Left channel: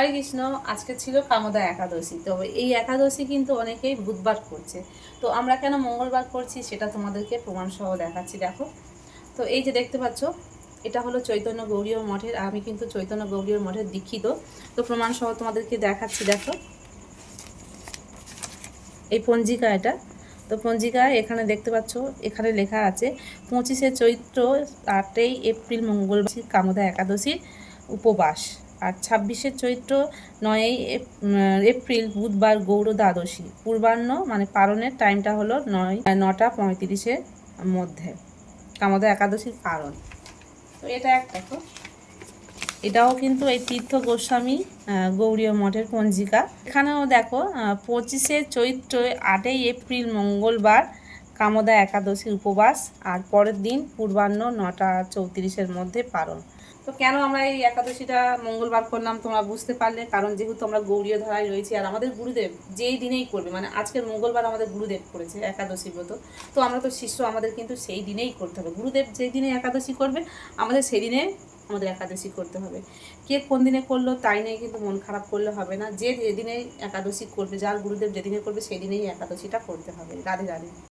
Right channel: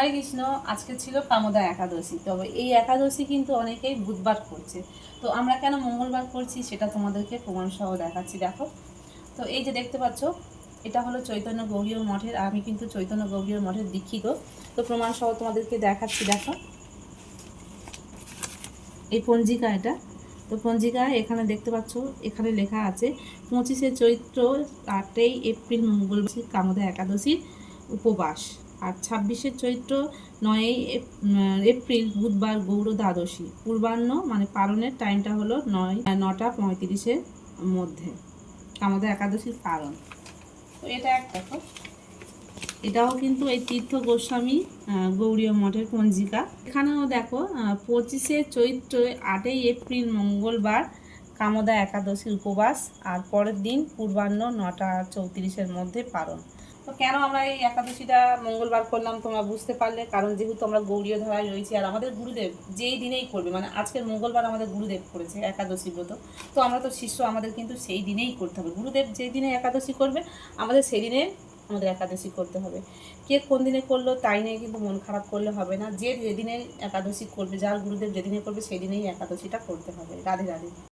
হরে কৃষ্ণ। আজকে ছিল কামদা একাদশী। তবে এই একাদশী কিন্তু অনেকেই বুধবার করছে, তো আমরা কেন মঙ্গলবার করছি সেটা তোমাদেরকে প্রমাণ সহ দেখাচ্ছি। দেখো, তো এই যে দেখতে পাচ্ছ, এটা হলো চৈতন্য গৌড়ীয় মঠের। আমি কিন্তু চৈতন্য গৌড়ীয় মঠের দীক্ষিত, তো প্রমাণ সহ তোমাদেরকে দেখাচ্ছি। দেখো, এই পঞ্জিকা এটা। তো পঞ্জিকায় এখানে দেখতে পাচ্ছ, এখানে লেখা আছে 25শে চৈত্র 8ই এপ্রিল মঙ্গলবার কামদা একাদশীর উপবাস, আর 26শে চৈত্র 9ই এপ্রিল বুধবার গৌর দ্বাদশী। পূর্বাহ্ন মানে পারণের টাইমটা হলো 9টা 35-এর মধ্যে কামদা একাদশীর পারণ। তো এটা এক দেখো, এটাও কিন্তু এই তীর্থ গোস্বামী গৌড়ীয় মঠের পঞ্জিকা। এখানেও দেখো 25শে চৈত্র 8ই এপ্রিল মঙ্গলবার কামদা একাদশীর উপবাস, আর পরের দিন পূর্বাহ্ন 9টা 34-এর মধ্যে পারণ। তো কেন আমরা এই একাদশীটা মঙ্গলবার করলাম তোমরা বুঝতে পারলে, কারণ যেহেতু আমরা গৌড়ীয় ধারায় রয়েছি, আর আমাদের গুরুদেব যেই দিনেই করবে, মানে আজকের মঙ্গলবার আমাদের গুরুদেব করেছে একাদশী ব্রত, তো আমরা তো শিষ্য, আমাদের কিন্তু সেই দিনেই করতে হবে। গুরুদেব যেই দিনে একাদশী করবে আমাদের সেই দিনে আমাদের একাদশী করতে হবে। কে কোন দিনে করলো তাই নিয়ে কিন্তু মন খারাপ করলে হবে না। যে যেদিনে একাদশী করবে, যার গুরুদেব যেদিনে করবে সেই দিনেই একাদশীটা করতে হবে। রাধে রাধে।